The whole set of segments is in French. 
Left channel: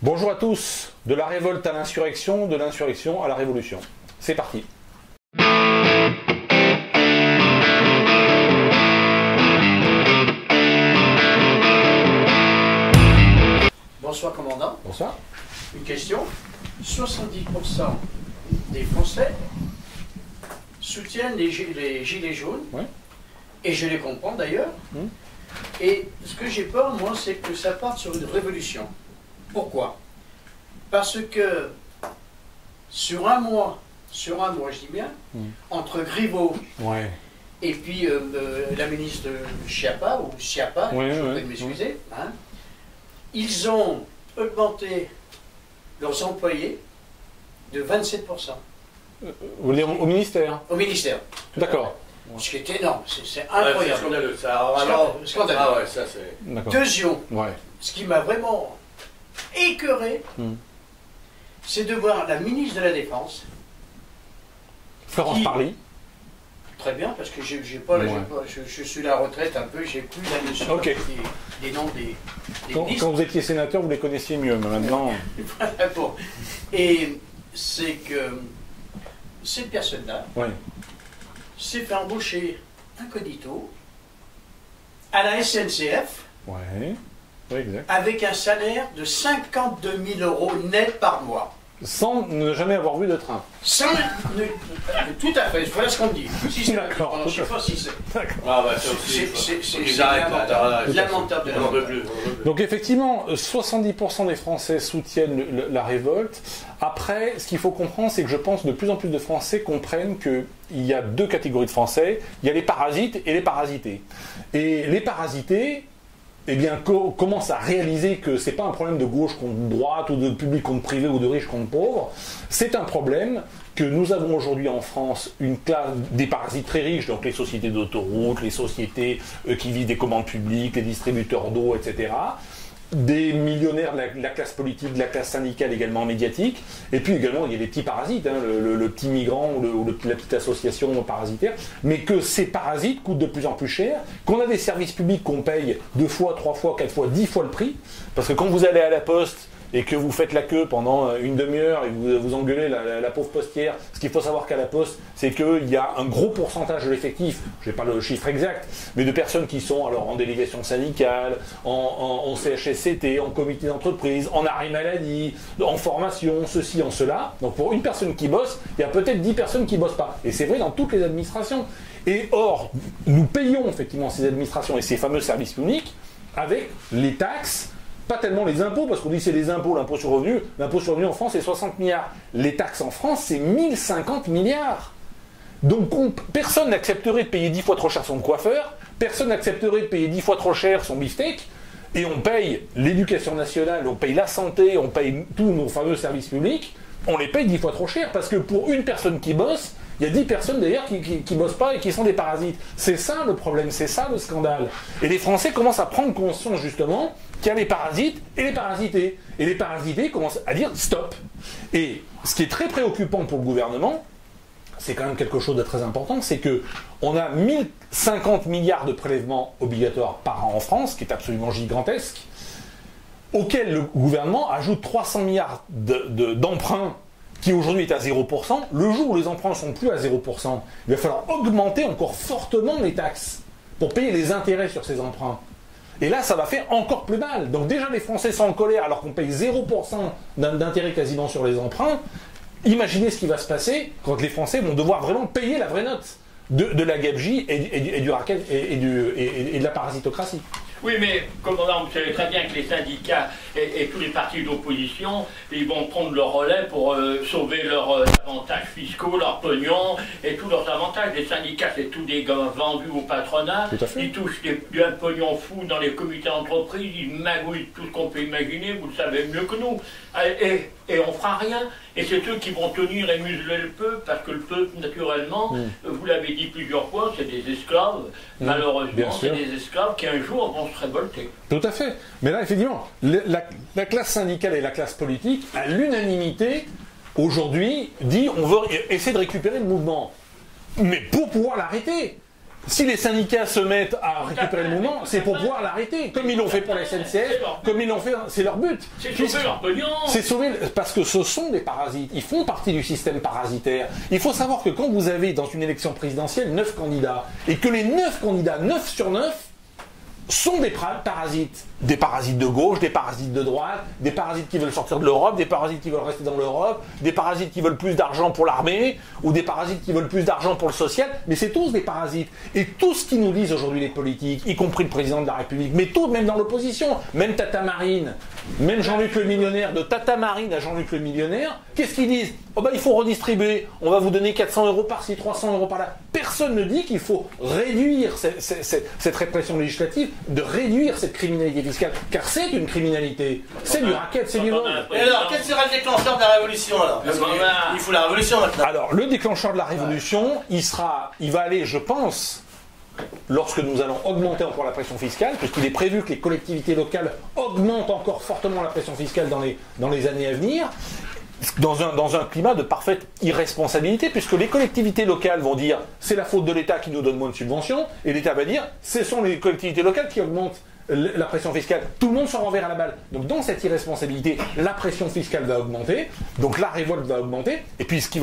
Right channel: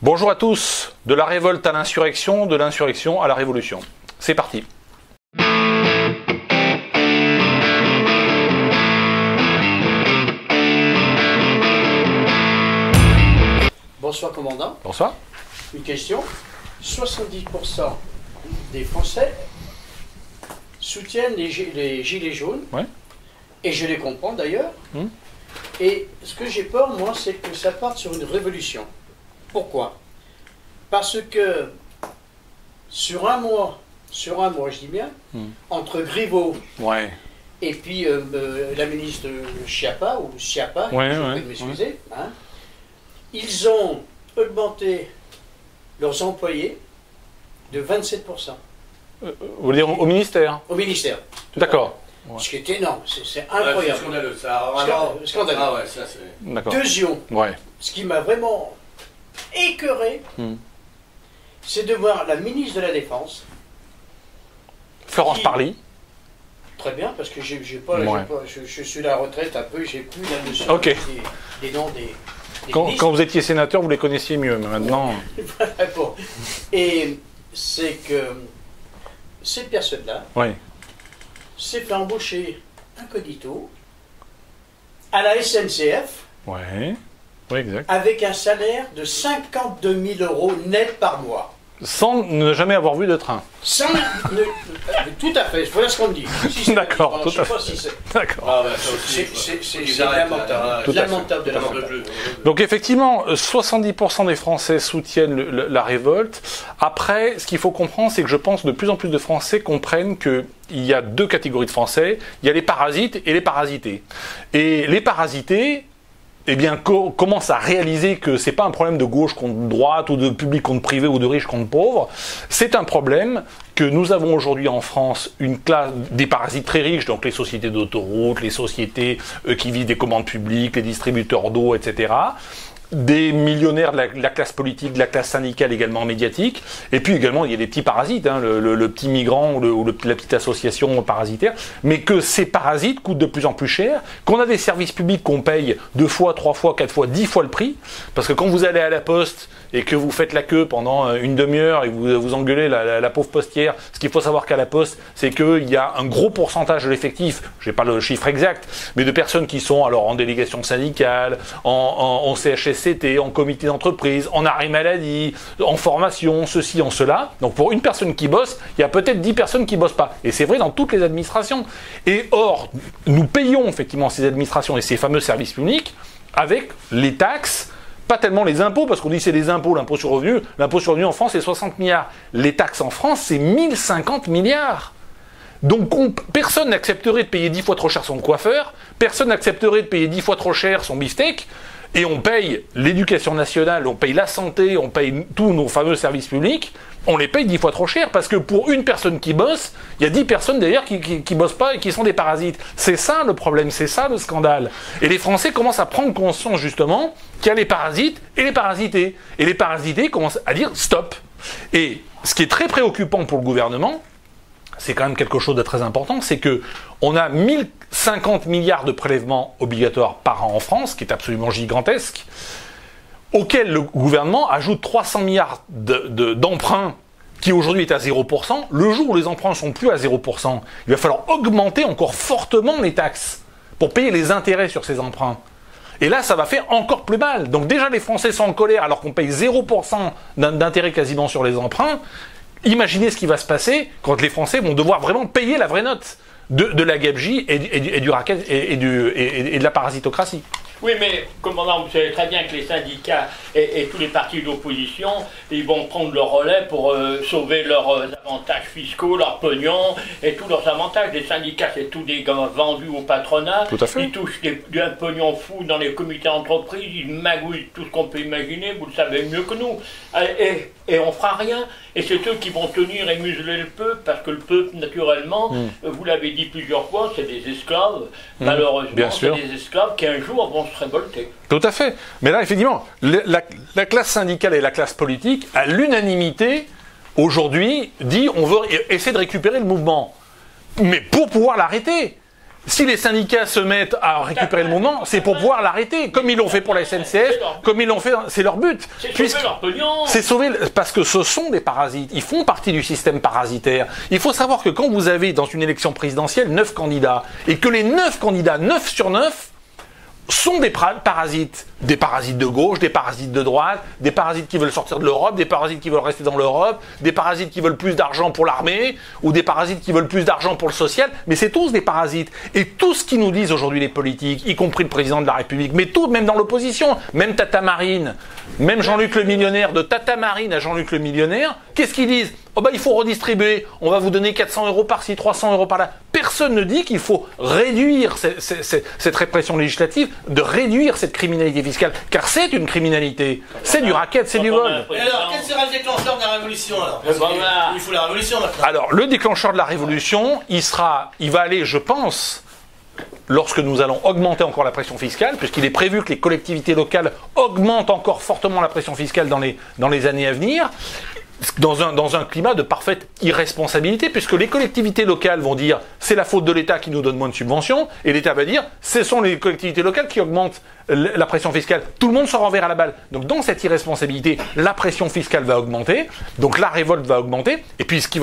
Bonjour à tous, de la révolte à l'insurrection, de l'insurrection à la révolution. C'est parti. Bonsoir commandant. Bonsoir. Une question. 70% des Français soutiennent les gilets jaunes. Ouais. Et je les comprends d'ailleurs. Et ce que j'ai peur, moi, c'est que ça parte sur une révolution. Pourquoi? Parce que sur un mois, je dis bien, entre Griveaux et puis la ministre Schiappa, ou Schiappa, je vous prie de m'excuser, hein, ils ont augmenté leurs employés de 27%. Vous voulez dire au ministère? Au ministère. D'accord. Ouais. Ce qui est énorme, c'est incroyable. C'est scandaleux, ça. Alors, scandaleux. Ah ouais, ça c'est... Deuxième, ce qui m'a vraiment écœuré, c'est de voir la ministre de la Défense, Florence Parly. Très bien, parce que je suis à la retraite un peu, j'ai plus la notion des noms des quand vous étiez sénateur, vous les connaissiez mieux, mais maintenant... Bon. Et c'est que cette personne-là s'est fait embaucher incognito à la SNCF exact. avec un salaire de 52 000 € net par mois. Sans ne jamais avoir vu de train. Tout à fait, voilà ce qu'on me dit. Si d'accord, je ne sais pas si c'est... D'accord. Ah bah ça aussi, c'est lamentable. Lamentable de lamentable. Donc effectivement, 70% des Français soutiennent la révolte. Après, ce qu'il faut comprendre, c'est que je pense que de plus en plus de Français comprennent qu'il y a deux catégories de Français. Il y a les parasites et les parasités. Et les parasités... commence à réaliser que c'est pas un problème de gauche contre droite ou de public contre privé ou de riche contre pauvre. C'est un problème que nous avons aujourd'hui en France une classe des parasites très riches, donc les sociétés d'autoroutes, les sociétés qui vivent des commandes publiques, les distributeurs d'eau, etc. Des millionnaires de la classe politique, de la classe syndicale également médiatique, et puis également il y a des petits parasites, le petit migrant ou la petite association parasitaire, mais que ces parasites coûtent de plus en plus cher, qu'on a des services publics qu'on paye 2 fois, 3 fois, 4 fois, 10 fois le prix, parce que quand vous allez à la poste et que vous faites la queue pendant une demi-heure et que vous engueulez la pauvre postière, ce qu'il faut savoir qu'à la poste, c'est qu'il y a un gros pourcentage de l'effectif, je n'ai pas le chiffre exact, mais de personnes qui sont alors en délégation syndicale, en CHSCT, en comité d'entreprise, en arrêt maladie, en formation, ceci, en cela. Donc pour une personne qui bosse, il y a peut-être 10 personnes qui ne bossent pas. Et c'est vrai dans toutes les administrations. Et or, nous payons effectivement ces administrations et ces fameux services publics avec les taxes, pas tellement les impôts, parce qu'on dit c'est les impôts, l'impôt sur le revenu. L'impôt sur le revenu en France, c'est 60 milliards. Les taxes en France, c'est 1050 milliards. Donc personne n'accepterait de payer 10 fois trop cher son coiffeur, personne n'accepterait de payer 10 fois trop cher son beefsteak, et on paye l'éducation nationale, on paye la santé, on paye tous nos fameux services publics, on les paye 10 fois trop cher, parce que pour une personne qui bosse, il y a 10 personnes d'ailleurs qui bossent pas et qui sont des parasites. C'est ça le problème, c'est ça le scandale. Et les Français commencent à prendre conscience justement qu'il y a les parasites et les parasités. Et les parasités commencent à dire stop. Et ce qui est très préoccupant pour le gouvernement, c'est quand même quelque chose de très important, c'est que on a 1050 milliards de prélèvements obligatoires par an en France, qui est absolument gigantesque, auquel le gouvernement ajoute 300 milliards d'emprunts qui aujourd'hui est à 0%. Le jour où les emprunts ne sont plus à 0%, il va falloir augmenter encore fortement les taxes pour payer les intérêts sur ces emprunts. Et là, ça va faire encore plus mal. Donc déjà, les Français sont en colère alors qu'on paye 0% d'intérêt quasiment sur les emprunts. Imaginez ce qui va se passer quand les Français vont devoir vraiment payer la vraie note de la gabegie et du racket et de la parasitocratie. Oui, mais, commandant, vous savez très bien que les syndicats et tous les partis d'opposition, ils vont prendre le relais pour sauver leurs avantages fiscaux, leurs pognons et tous leurs avantages. Les syndicats, c'est tous des gars vendus au patronat. Tout à fait. Ils touchent un pognon fou dans les comités d'entreprise, ils magouillent tout ce qu'on peut imaginer, vous le savez mieux que nous. Et on fera rien. Et c'est eux qui vont tenir et museler le peuple, parce que le peuple, naturellement, vous l'avez dit plusieurs fois, c'est des esclaves. Malheureusement, c'est des esclaves qui un jour vont se révolter. Tout à fait. Mais là, effectivement, la classe syndicale et la classe politique, à l'unanimité, aujourd'hui, dit on veut essayer de récupérer le mouvement. Mais pour pouvoir l'arrêter, Si les syndicats se mettent à récupérer le mouvement, c'est pour pouvoir l'arrêter, comme ils l'ont fait pour la SNCF, comme ils l'ont fait, c'est leur but. C'est sauver leur pognon. C'est sauver, parce que ce sont des parasites, ils font partie du système parasitaire. Il faut savoir que quand vous avez dans une élection présidentielle 9 candidats, et que les 9 candidats, 9 sur 9, sont des parasites de gauche, des parasites de droite, des parasites qui veulent sortir de l'Europe, des parasites qui veulent rester dans l'Europe, des parasites qui veulent plus d'argent pour l'armée, ou des parasites qui veulent plus d'argent pour le social, mais c'est tous des parasites. Et tout ce qu'ils nous disent aujourd'hui les politiques, y compris le président de la République, mais tout, même dans l'opposition, même Tata Marine, même Jean-Luc le millionnaire, de Tata Marine à Jean-Luc le millionnaire, qu'est-ce qu'ils disent? Oh bah il faut redistribuer, on va vous donner 400 € par-ci, 300 € par-là. Personne ne dit qu'il faut réduire cette répression législative, de réduire cette criminalité fiscale, car c'est une criminalité, c'est du racket, c'est du vol. Et alors, quel sera le déclencheur de la révolution alors? Parce qu'il faut la révolution maintenant. Alors, le déclencheur de la révolution, il va aller, je pense, lorsque nous allons augmenter encore la pression fiscale, puisqu'il est prévu que les collectivités locales augmentent encore fortement la pression fiscale dans les années à venir, dans un climat de parfaite irresponsabilité, puisque les collectivités locales vont dire c'est la faute de l'État qui nous donne moins de subventions, et l'État va dire ce sont les collectivités locales qui augmentent la pression fiscale. Tout le monde se renverra la balle. Donc dans cette irresponsabilité, la pression fiscale va augmenter, donc la révolte va augmenter, et puis ce qui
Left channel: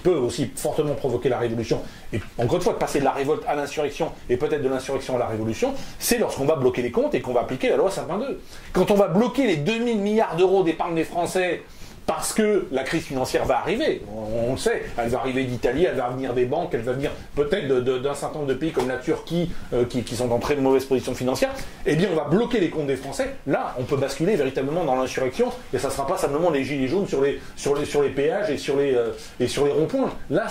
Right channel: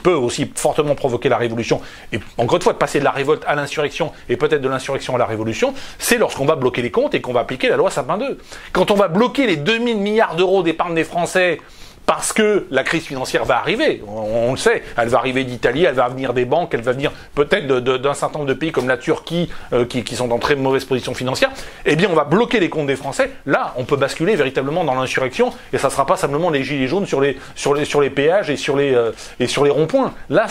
peut aussi fortement provoquer la révolution, et encore une fois de passer de la révolte à l'insurrection, et peut-être de l'insurrection à la révolution, c'est lorsqu'on va bloquer les comptes et qu'on va appliquer la loi Sapin 2. Quand on va bloquer les 2000 milliards d'euros d'épargne des Français, parce que la crise financière va arriver, on le sait, elle va arriver d'Italie, elle va venir des banques, elle va venir peut-être d'un certain nombre de pays comme la Turquie, qui sont en très mauvaise position financière, eh bien on va bloquer les comptes des Français. Là, on peut basculer véritablement dans l'insurrection, et ça ne sera pas simplement les gilets jaunes sur les péages et sur les ronds-points. Là,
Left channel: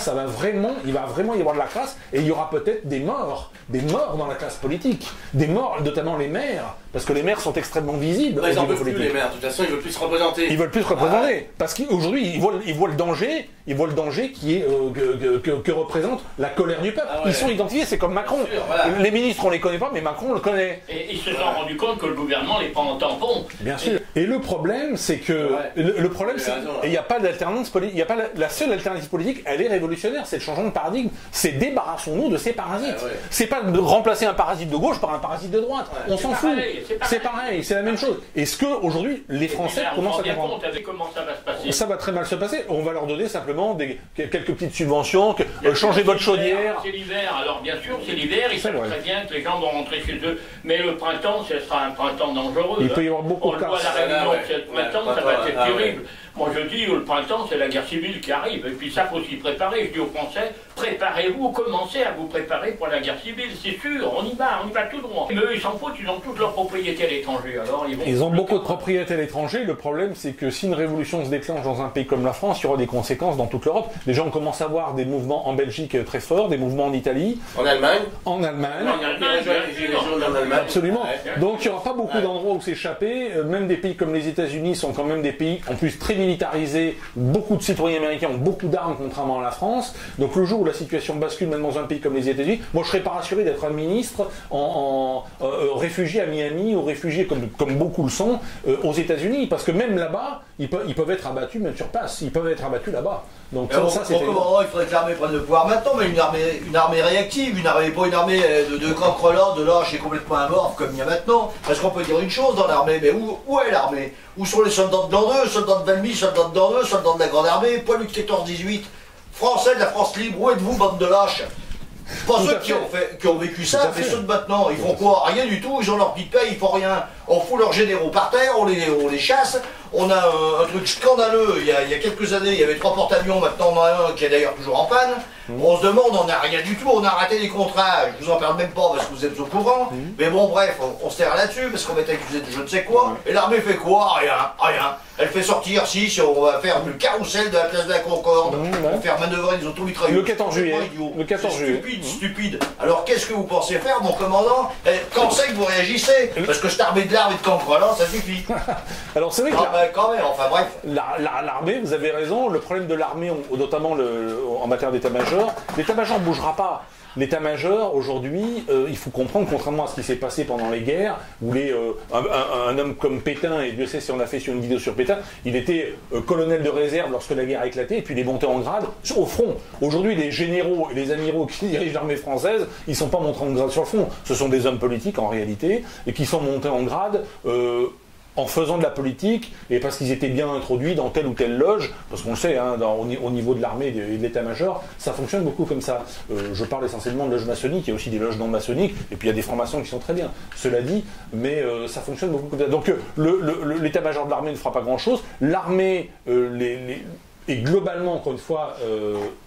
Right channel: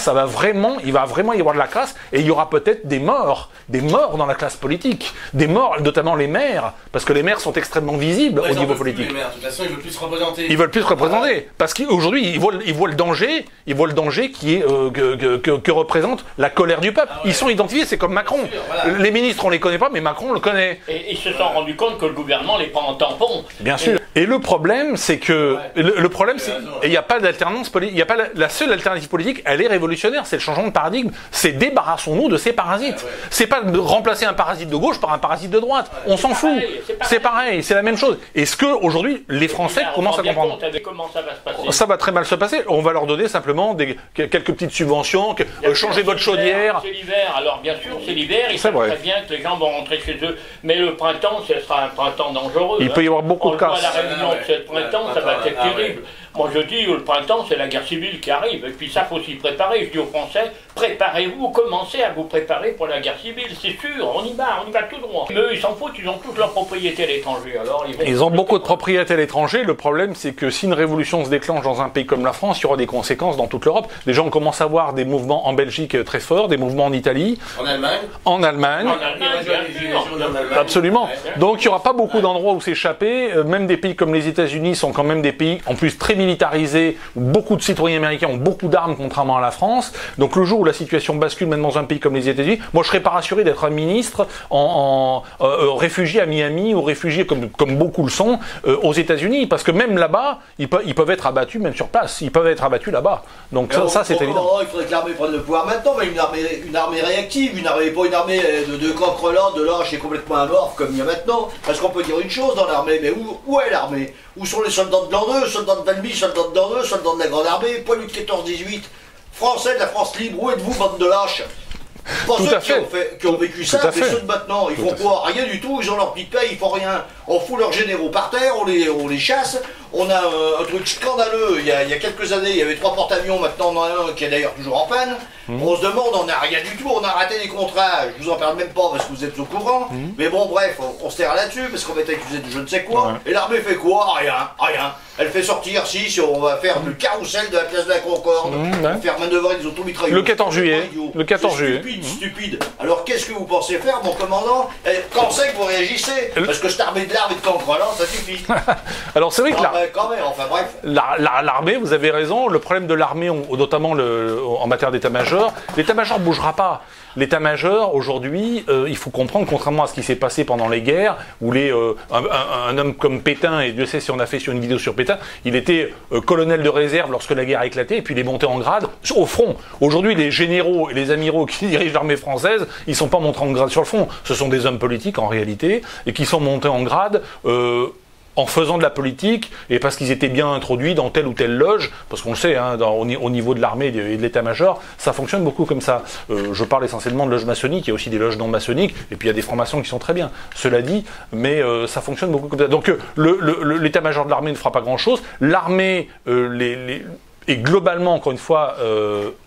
il va vraiment y avoir de la casse, et il y aura peut-être des morts dans la classe politique, des morts, notamment les maires, parce que les maires sont extrêmement visibles au niveau politique. Les maires, de toute façon, ils veulent plus se représenter. Ils veulent plus se représenter. Parce qu'aujourd'hui, ils voient le danger qui est, que représente la colère du peuple. Ah ouais. Ils sont identifiés, c'est comme Macron. Sûr, voilà. Les ministres, on les connaît pas, mais Macron, on le connaît. Et ils se sont rendus compte que le gouvernement les prend en tampon. Bien sûr. Et le problème, c'est que... Ouais. Le problème, c'est qu'il n'y a pas d'alternance politique. Il y a pas la seule alternative politique, elle est révolutionnaire. C'est le changement de paradigme. C'est débarrassons-nous de ces parasites. Ah ouais. C'est pas de remplacer un parasite de gauche par un parasite de droite. Ouais. On s'en fout. C'est pareil, c'est la même chose. Est-ce qu'aujourd'hui, les Français commencent à comprendre? Comment ça va se passer? Ça va très mal se passer. On va leur donner simplement quelques petites subventions, changer votre chaudière. C'est l'hiver, alors bien sûr, c'est l'hiver, ils savent très bien que les gens vont rentrer chez eux. Mais le printemps, ce sera un printemps dangereux. Il peut y avoir beaucoup de cas. On voit la réunion de ce printemps, ça va être terrible. Moi je dis, le printemps, c'est la guerre civile qui arrive. Et puis ça, faut s'y préparer. Je dis aux Français, préparez-vous, commencez à vous préparer pour la guerre civile. C'est sûr, on y va tout droit. Mais eux, ils s'en foutent, ils ont toutes leurs propriétés à l'étranger. Alors, ils ont beaucoup de propriétés à l'étranger. Le problème, c'est que si une révolution se déclenche dans un pays comme la France, il y aura des conséquences dans toute l'Europe. Déjà, on commence à voir des mouvements en Belgique très forts, des mouvements en Italie. En Allemagne. En Allemagne. Absolument. Donc, il n'y aura pas beaucoup d'endroits où s'échapper. Même des pays comme les États-Unis sont quand même des pays, en plus, très militarisés. Beaucoup de citoyens américains ont beaucoup d'armes, contrairement à la France. Donc, le jour où la situation bascule, même dans un pays comme les États-Unis, moi, je ne serais pas rassuré d'être un ministre réfugié à Miami ou réfugié, comme beaucoup le sont, aux États-Unis. Parce que même là-bas, ils peuvent être abattus, même sur place. Ils peuvent être abattus là-bas. Donc, ça c'est évident. Il faudrait que l'armée prenne le pouvoir maintenant, mais une armée réactive, pas une armée de croque-relance, de lâches et complètement amorphe comme il y a maintenant. Parce qu'on peut dire une chose dans l'armée, mais où est l'armée? Où sont les soldats de l'an 2, soldats de Valmy, soldats de l'an 2, soldats de la Grande Armée, poilus de 14-18, Français de la France libre, où êtes-vous, bande de lâches? Pas ceux qui ont vécu ça, mais ceux de maintenant, ils font quoi? Rien du tout, ils ont leur petite paye, ils font rien. On fout leurs généraux par terre, on les chasse. On a un truc scandaleux, il y a quelques années, il y avait 3 porte-avions, maintenant on en a un qui est d'ailleurs toujours en panne. On se demande, on n'a rien du tout, on a raté les contrats, je vous en parle même pas parce que vous êtes au courant. Mais bon, bref, on se terre là-dessus parce qu'on va être accusé de je ne sais quoi. Et l'armée fait quoi? Rien. Elle fait sortir, si on va faire du carrousel de la place de la Concorde, on va faire manœuvrer des automitrailleuses. Le 14 juillet. Le 14 juillet. Stupide. Alors qu'est-ce que vous pensez faire, mon commandant? Quand c'est que vous réagissez? Parce que cette armée de armée de cancrelants, ça suffit. Alors c'est vrai que quand même, enfin bref. l'armée, vous avez raison, le problème de l'armée, notamment en matière d'état-major, l'état-major ne bougera pas. L'état-major, aujourd'hui, il faut comprendre, contrairement à ce qui s'est passé pendant les guerres, où un homme comme Pétain, et Dieu sait si on a fait sur une vidéo sur Pétain, il était colonel de réserve lorsque la guerre a éclaté, et puis il est monté en grade au front. Aujourd'hui, les généraux et les amiraux qui dirigent l'armée française, ils ne sont pas montés en grade sur le front. Ce sont des hommes politiques, en réalité, et qui sont montés en grade en faisant de la politique et parce qu'ils étaient bien introduits dans telle ou telle loge, parce qu'on le sait, hein, au niveau de l'armée et de l'état-major, ça fonctionne beaucoup comme ça. Je parle essentiellement de loges maçonniques, il y a aussi des loges non maçonniques, et puis il y a des francs-maçons qui sont très bien, cela dit, mais ça fonctionne beaucoup comme ça. Donc l'état-major de l'armée ne fera pas grand-chose, l'armée est globalement, encore une fois,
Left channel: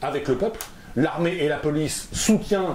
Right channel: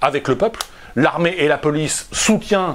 avec le peuple, l'armée et la police soutiennent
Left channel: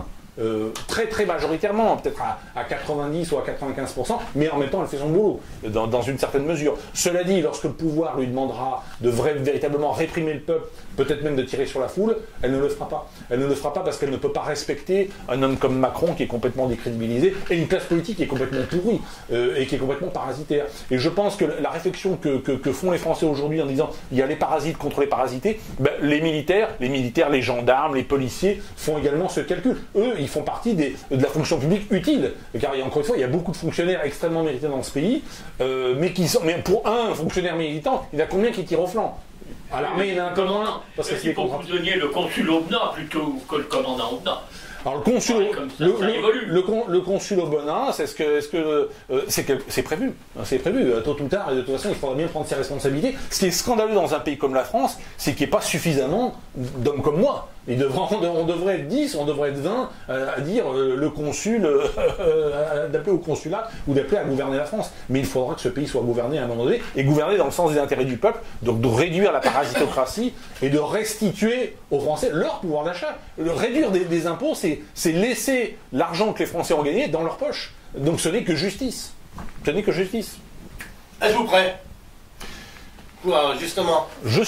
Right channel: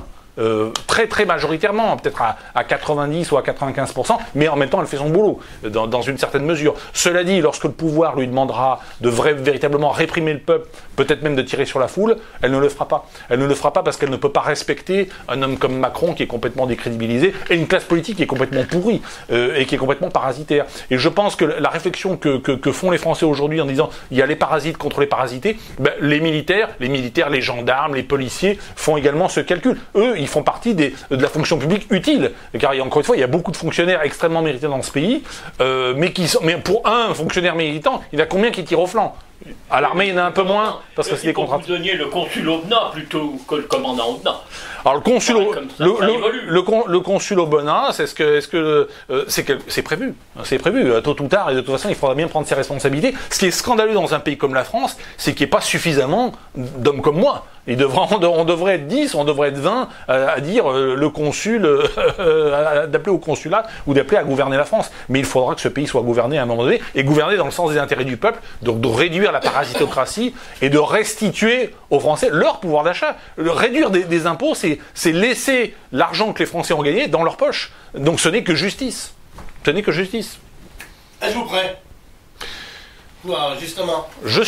très très majoritairement, peut-être à 90 ou à 95%, mais en même temps elle fait son boulot, dans une certaine mesure. Cela dit, lorsque le pouvoir lui demandera de véritablement réprimer le peuple, peut-être même de tirer sur la foule, elle ne le fera pas. Elle ne le fera pas parce qu'elle ne peut pas respecter un homme comme Macron qui est complètement décrédibilisé et une classe politique qui est complètement pourrie et qui est complètement parasitaire. Et je pense que la réflexion que font les Français aujourd'hui en disant il y a les parasites contre les parasités, ben, les militaires, les gendarmes, les policiers font également ce calcul. Eux, ils font partie de la fonction publique utile. Car encore une fois, il y a beaucoup de fonctionnaires extrêmement mérités dans ce pays, mais pour un fonctionnaire méritant, il y en a combien qui tirent au flanc? À l'armée, il y en a un peu moins, parce que c'est des contrats. Vous donniez le consul Aubenas plutôt que le commandant Aubenas. Alors le consul Aubenas, c'est prévu. C'est prévu. Tôt ou tard, et de toute façon, il faudra bien prendre ses responsabilités. Ce qui est scandaleux dans un pays comme la France, c'est qu'il n'y ait pas suffisamment d'hommes comme moi. On devrait être 10, on devrait être 20 à dire le consul, d'appeler au consulat ou d'appeler à gouverner la France. Mais il faudra que ce pays soit gouverné à un moment donné, et gouverné dans le sens des intérêts du peuple, donc de réduire la parasitocratie et de restituer aux Français leur pouvoir d'achat. Réduire des impôts, c'est laisser l'argent que les Français ont gagné dans leur poche. Donc ce n'est que justice. Ce n'est que justice. Êtes-vous prêt? Quoi, justement. Je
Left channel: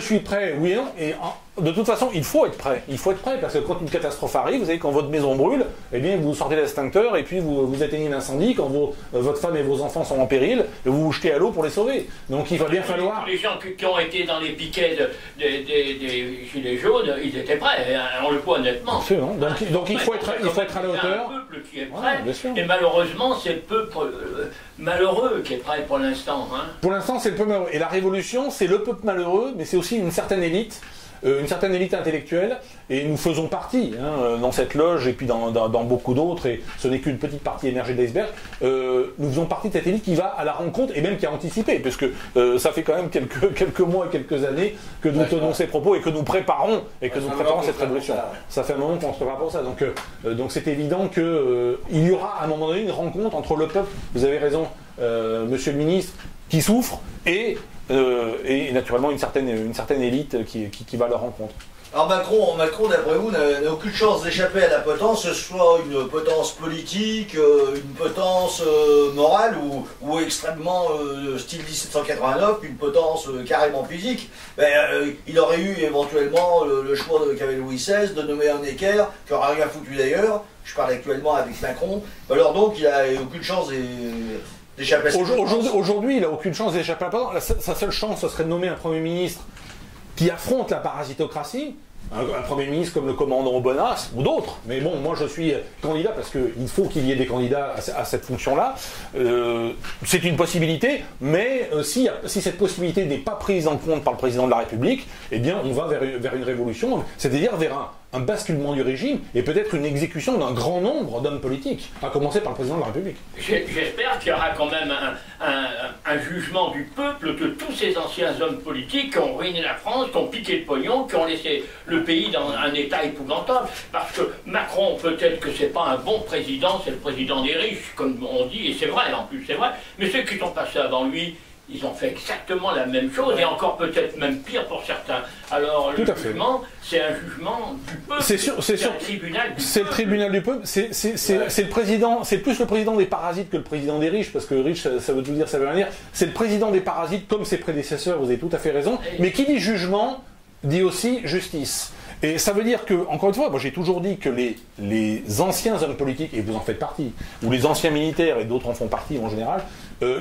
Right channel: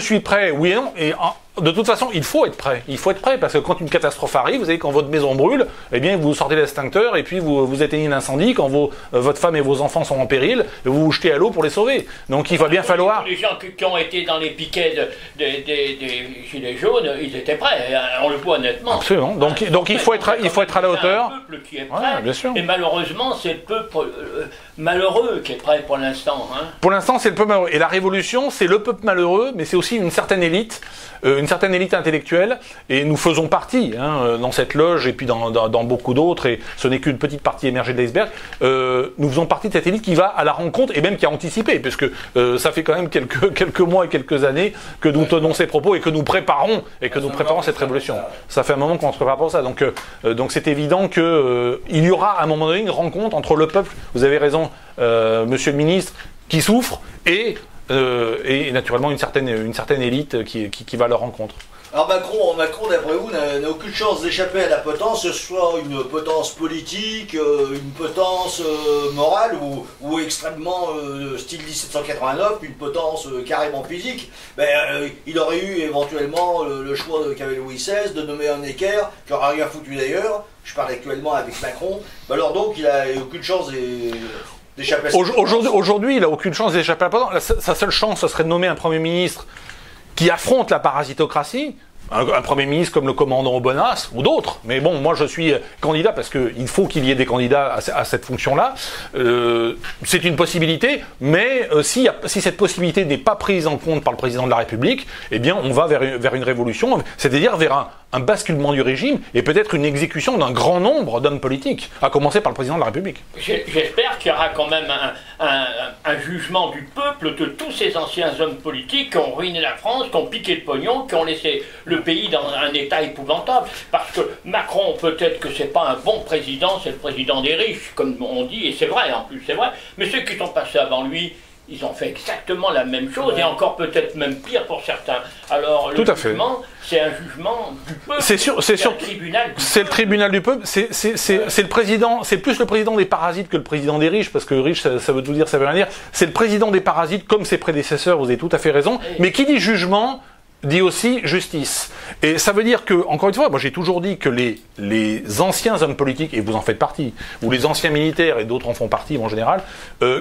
suis prêt, oui et non. Et de toute façon, il faut être prêt. Il faut être prêt parce que quand une catastrophe arrive, vous savez, quand votre maison brûle, eh bien, vous sortez l'extincteur et puis vous éteignez l'incendie. Quand votre femme et vos enfants sont en péril, vous vous jetez à l'eau pour les sauver. Donc il va bien falloir. Les gens qui ont été dans les piquets des gilets jaunes, ils étaient prêts. On le voit honnêtement. Absolument. Donc il faut être à la hauteur. C'est un peuple qui est prêt. Ouais, bien sûr. Et malheureusement, c'est le peuple malheureux qui est prêt pour l'instant. Hein. Pour l'instant, c'est le peuple malheureux. Et la révolution, c'est le peuple malheureux, mais c'est aussi une certaine élite intellectuelle, et nous faisons partie dans cette loge et puis dans beaucoup d'autres, et ce n'est qu'une petite partie émergée de l'iceberg. Nous faisons partie de cette élite qui va à la rencontre et même qui a anticipé, puisque ça fait quand même quelques mois et quelques années que nous tenons ces propos et que nous préparons cette révolution. Ça fait un moment qu'on se prépare pour ça. Donc c'est évident qu'il y aura à un moment donné une rencontre entre le peuple, vous avez raison, monsieur le ministre, qui souffre, et naturellement une certaine élite qui va à leur rencontre. Alors Macron, d'après vous, n'a aucune chance d'échapper à la potence, que ce soit une potence politique, une potence morale ou extrêmement style 1789, une potence carrément physique. Il aurait eu éventuellement le choix qu'avait Louis XVI de nommer un équerre, qui n'aura rien foutu d'ailleurs. Je parle actuellement avec Macron. Alors donc il n'a aucune chance d'échapper à Aujourd'hui, il n'a aucune chance d'échapper à la potence. Sa seule chance, ce serait de nommer un Premier ministre qui affronte la parasitocratie, un Premier ministre comme le commandant Aubenas ou d'autres. Mais bon, moi je suis candidat parce qu'il faut qu'il y ait des candidats à cette fonction-là. C'est une possibilité, mais si cette possibilité n'est pas prise en compte par le président de la République, eh bien on va vers une révolution, c'est-à-dire vers un basculement du régime et peut-être une exécution d'un grand nombre d'hommes politiques, à commencer par le président de la République. J'espère qu'il y aura quand même un jugement du peuple de tous ces anciens hommes politiques qui ont ruiné la France, qui ont piqué le pognon, qui ont laissé le pays dans un état épouvantable. Parce que Macron, peut-être que c'est pas un bon président, c'est le président des riches, comme on dit, et c'est vrai, en plus c'est vrai, mais ceux qui sont passés avant lui, ils ont fait exactement la même chose, et encore peut-être même pire pour certains. Alors le jugement, c'est un jugement du peuple. C'est un tribunal du peuple. C'est le tribunal du peuple. C'est le président. C'est plus le président des parasites que le président des riches, parce que riche, ça veut tout dire, ça veut rien dire. C'est le président des parasites, comme ses prédécesseurs. Vous avez tout à fait raison. Mais qui dit jugement dit aussi justice. Et ça veut dire que, encore une fois, moi j'ai toujours dit que les anciens hommes politiques, et vous en faites partie, ou les anciens militaires, et d'autres en font partie en général,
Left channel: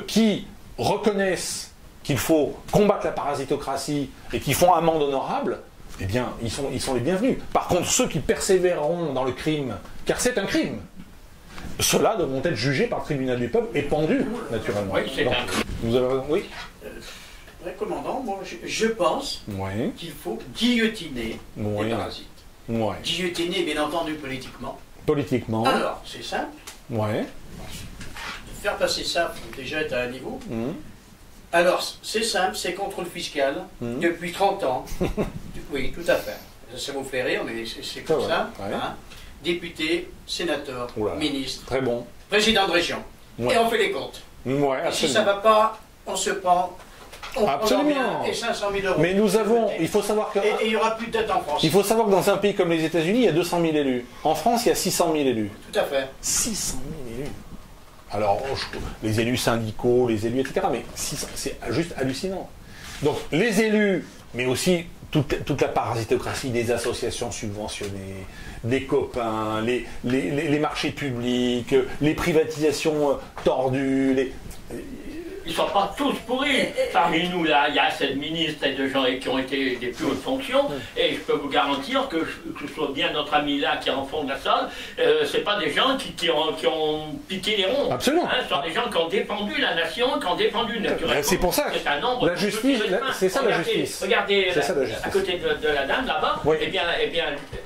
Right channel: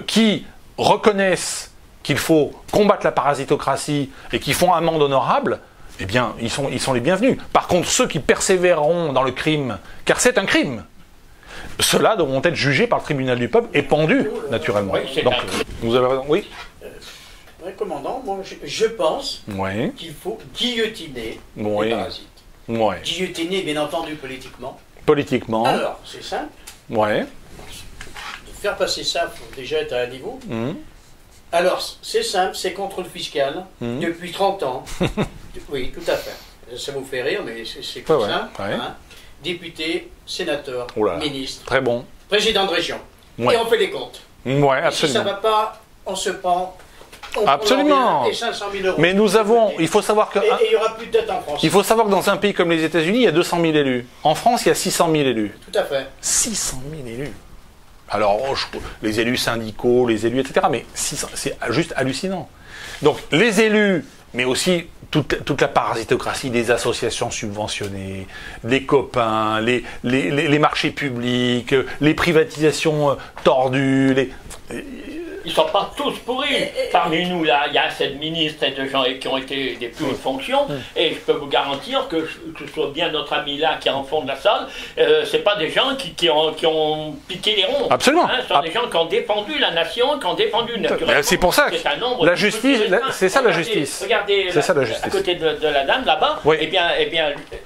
qui reconnaissent qu'il faut combattre la parasitocratie et qui font amende honorable, eh bien, ils sont les bienvenus. Par contre, ceux qui persévéreront dans le crime, car c'est un crime, ceux-là devront être jugés par le tribunal du peuple et pendus, naturellement. Oui, donc, vous avez raison. Oui. Commandant, moi je pense Oui. qu'il faut guillotiner Oui. les parasites. Oui. Guillotiner, bien entendu, politiquement. Politiquement. Alors, c'est simple. Oui. De faire passer ça, il faut déjà être à un niveau. Mhm. Alors, c'est simple, c'est contrôle fiscal depuis 30 ans. Oui, tout à fait. Ça vous fait rire, mais c'est comme ça. Ouais. Hein. Député, sénateur, Oula. ministre, Très bon. président de région. Ouais. Et on fait les comptes. Ouais, Et si ça absolument. ne va pas, on se prend. On Absolument. prend et 500 000 euros. Mais nous avons, il faut savoir que, Et il n'y aura plus de dette en France. il faut savoir que dans un pays comme les États-Unis, il y a 200 000 élus. En France, il y a 600 000 élus. Tout à fait. 600 000 élus. Alors, les élus syndicaux, les élus, etc. Mais c'est juste hallucinant. Donc, les élus, mais aussi toute la parasitocratie des associations subventionnées, des copains, les marchés publics, les privatisations tordues, Ils ne sont pas tous pourris. Parmi nous, là, il y a 7 ministres et de gens qui ont été des plus hautes fonctions. Et je peux vous garantir que ce soit bien notre ami là qui est en fond de la salle, c'est pas des gens qui ont piqué les ronds. Absolument. Hein, ce sont des gens qui ont défendu la nation, qui ont défendu naturellement. C'est pour ça que un nombre la de justice, petits restreints. c'est ça la justice. Regardez, C'est ça la justice. à côté de la dame là-bas, Oui. eh bien,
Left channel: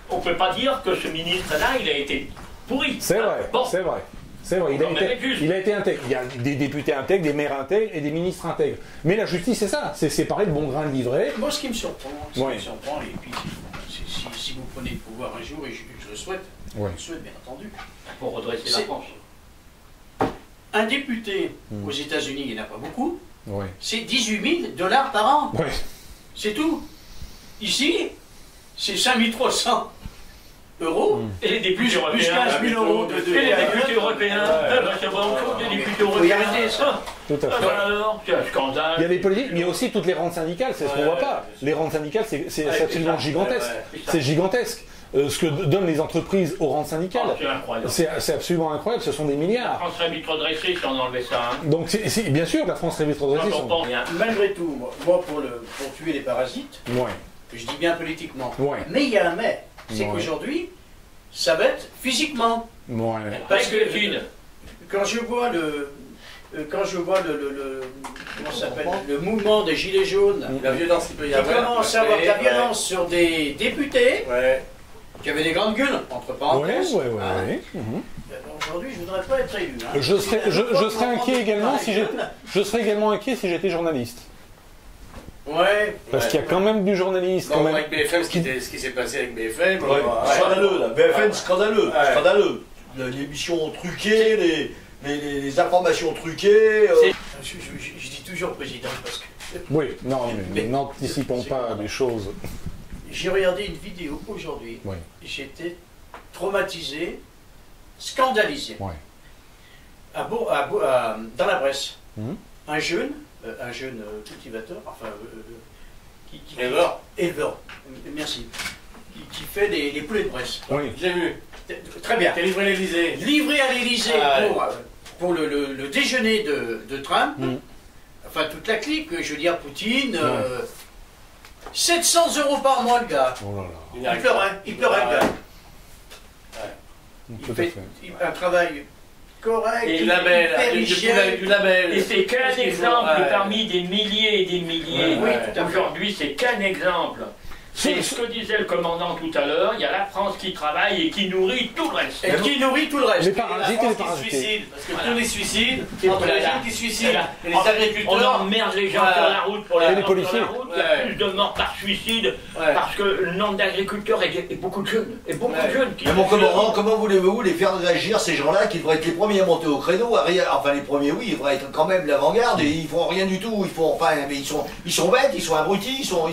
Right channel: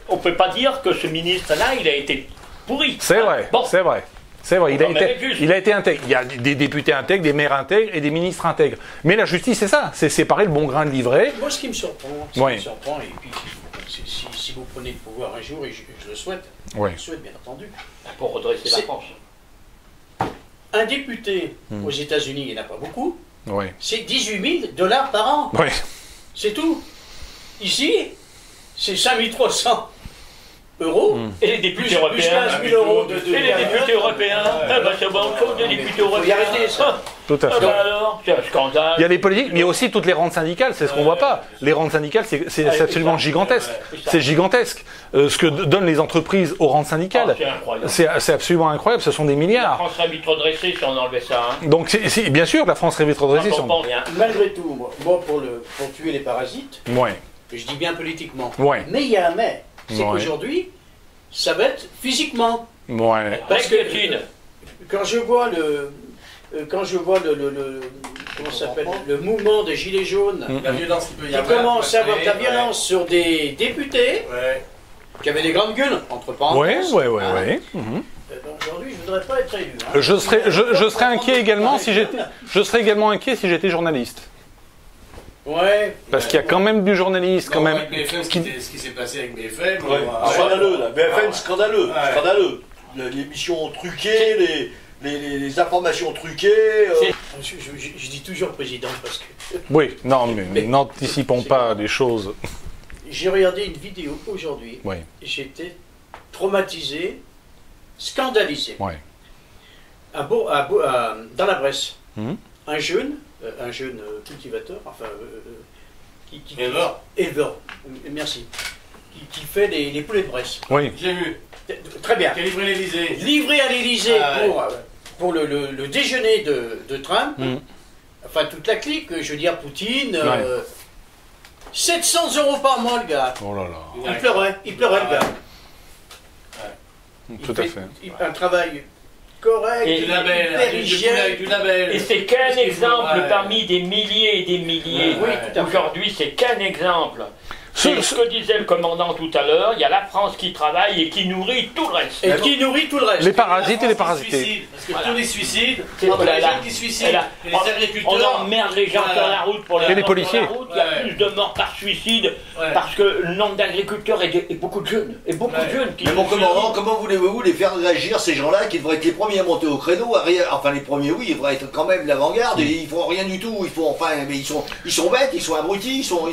on ne peut pas dire que ce ministre-là, il a été pourri. C'est vrai, Bon. c'est vrai. C'est vrai, Non, mais juste. il a été intègre. Il y a des députés intègres, des maires intègres et des ministres intègres. Mais la justice, c'est ça, c'est séparer le bon grain de l'ivraie. Moi, ce qui me surprend, Oui. et puis si vous prenez le pouvoir un jour, et je le souhaite, Oui. je le souhaite bien entendu, Pour redresser la C'est- France. un député aux États-Unis, il n'y en a pas beaucoup, Oui. c'est 18 000 $ par an. Oui. C'est tout. Ici, c'est 5 300 euros. Et les députés Plus européens. 15 000 euros de Et les députés européens. C'est bon, les députés Faut y européens. arrêter, ça. Tout à Ah fait. bah alors, c'est un scandale. Il y a les politiques, mais il y a aussi toutes les rentes syndicales, c'est ce qu'on voit pas. Les rentes syndicales, c'est absolument gigantesque. C'est gigantesque. Ce que donnent les entreprises aux rentes syndicales, C'est incroyable. c'est absolument incroyable, ce sont des La milliards. France serait vite redressée si on enlevait ça. Hein. Donc, bien sûr, la France rêvait trop de Quand on pense bien. Malgré tout, moi pour tuer les parasites, Ouais. je dis bien politiquement, Ouais. mais il y a un mais, c'est Ouais. qu'aujourd'hui, ça va être physiquement. Ouais. Parce que Gilles, quand je vois comment ça s'appelle, le mouvement des Gilets jaunes, La violence qu'il peut y qui avoir. commence à avoir de la Ouais. violence sur des députés Ouais. qui avaient des grandes gueules, entre Ouais, parenthèses. ouais, ouais, hein. ouais. Aujourd'hui, je ne voudrais pas être élu. hein. Je serais inquiet également si j'étais, je serais également inquiet si j'étais journaliste. Ouais. Parce qu'il y a quand même du journaliste, quand Bon, même. avec BFM, ce qui s'est passé avec BFM. Ouais, scandaleux, la BFM, scandaleux, Ouais. scandaleux. L'émission truquée, les informations truquées. Je dis toujours président parce que Oui, non, mais n'anticipons pas les choses. j'ai regardé une vidéo aujourd'hui. Oui, J'étais traumatisé, scandalisé. ouais. Dans la Bresse, Mhm. un jeune cultivateur, enfin Éleveur. merci, qui fait les poulets de Bresse. Oui, J'ai vu. Très bien. Qui a livré l'Elysée. Livré à l'Élysée Ah, ouais. pour le déjeuner de Trump, Mhm. enfin toute la clique, je veux dire Poutine, Ouais. 700 € par mois le gars. oh là là, Il pleurait le gars. Il tout à fait. Un travail correct, Et Du label. hyper Du hygiène. du label. et c'est qu'un Tout ce qu'il faut. exemple Ouais. parmi des milliers et des milliers. Oui, tout à fait. Aujourd'hui, c'est qu'un exemple. C'est ce que disait le commandant tout à l'heure, il y a la France qui travaille et qui nourrit tout le reste. Et qui nourrit tout le reste. Les parasites et les La France qui parasités. suicide, parce que tous les suicides, C'est entre voilà. les jeunes qui se suicident et les On agriculteurs. emmerde les gens Voilà. sur la route pour Et les mettre policiers. sur la route. Il y a Ouais. plus de morts par suicide Ouais. parce que le nombre d'agriculteurs et beaucoup de jeunes. Et beaucoup Ouais. de jeunes qui Mais mon commandant, comment voulez-vous les faire réagir, ces gens-là, qui devraient être les premiers à monter au créneau, enfin les premiers, oui, ils devraient être quand même l'avant-garde, et ils font rien du tout, ils font, enfin, mais ils sont bêtes, ils sont abrutis, ils sont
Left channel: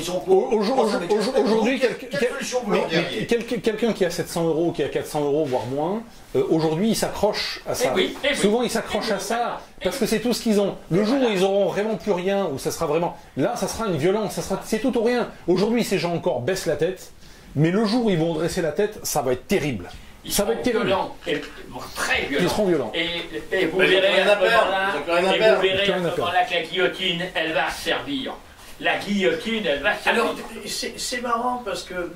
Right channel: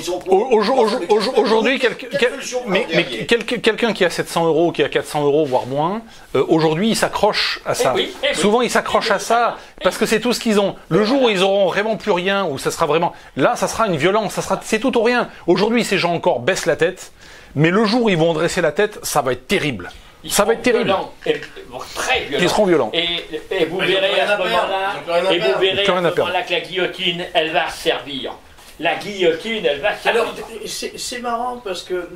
aujourd'hui, quelle solution vous leur diriez quelqu'un qui a 700 euros, qui a 400 euros, voire moins, aujourd'hui, il s'accroche à ça. oui. Souvent, ils s'accrochent à ça parce que c'est tout ce qu'ils ont. Le jour où ils auront vraiment plus rien, où ça sera vraiment... Là, ça sera une violence, c'est tout ou rien. Aujourd'hui, ces gens encore baissent la tête, mais le jour où ils vont dresser la tête, ça va être terrible. Ça va être terrible. Violents, très violents. Ils seront violents. Et vous verrez à ce moment-là que la guillotine, elle va servir. La guillotine, elle va servir. Alors, c'est marrant parce que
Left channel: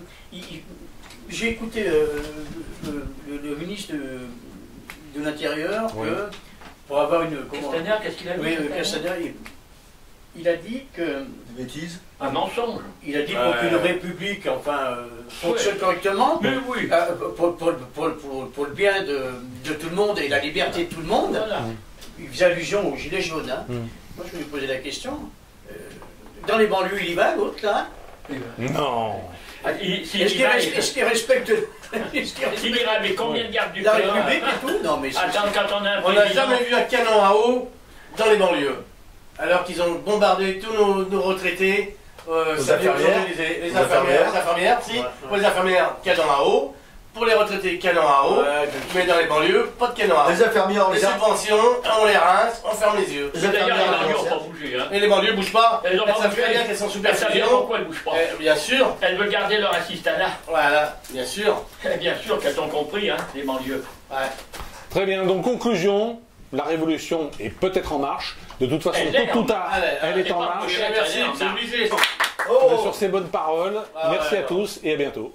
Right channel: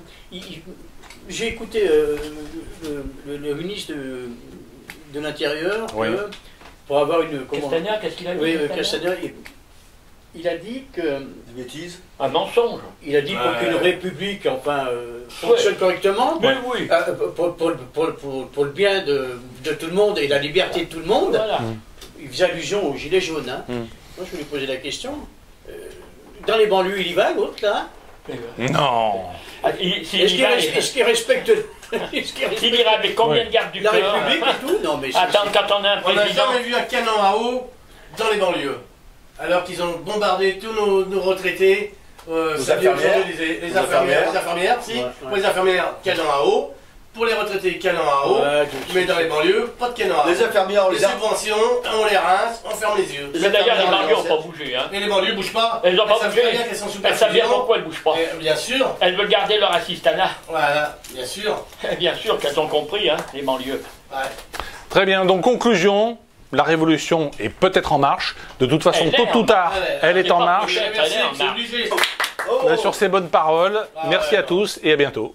j'ai écouté le ministre de l'Intérieur pour avoir une... Castaner, qu'est-ce qu'il a dit? Oui, Castaner, il a dit que... Des bêtises. Un mensonge. Il a dit pour qu'une république, enfin, fonctionne correctement, Oui. pour le bien de tout le monde et la liberté de tout le monde, Voilà. il faisait allusion aux gilets jaunes. Hein. Moi, je me posais la question. Dans les banlieues, il y va, l'autre, là. Non. Est-ce qu'il respecte... S'il ira, mais combien de gardes du la corps République et tout? Non, mais Attends, quand on a un On n'a président... jamais vu un canon à eau dans les banlieues. Alors qu'ils ont bombardé tous nos retraités, les infirmières, si. Ouais. Pour les infirmières, canon à eau. Pour les retraités, canon à eau. Mais dans les banlieues, pas de canon à eau. Les infirmières, Les subventions, on les rince, on ferme les yeux. D'ailleurs, les banlieues n'ont pas bougé. Hein. Et les banlieues ne bougent pas. Elles n'ont pas savent bougé. très bien qu'elles sont sous Elles savent bien perfusion. pourquoi elles ne bougent pas. Bien sûr. Elles veulent garder leur assistanat. Voilà, bien sûr. Bien sûr qu'elles ont compris, hein, les banlieues. Ouais. Très bien, donc conclusion, la révolution est peut-être en marche. De toute façon, tôt ou tard, elle est en marche. Merci, c'est obligé. Sur ces bonnes paroles, merci à tous et à bientôt.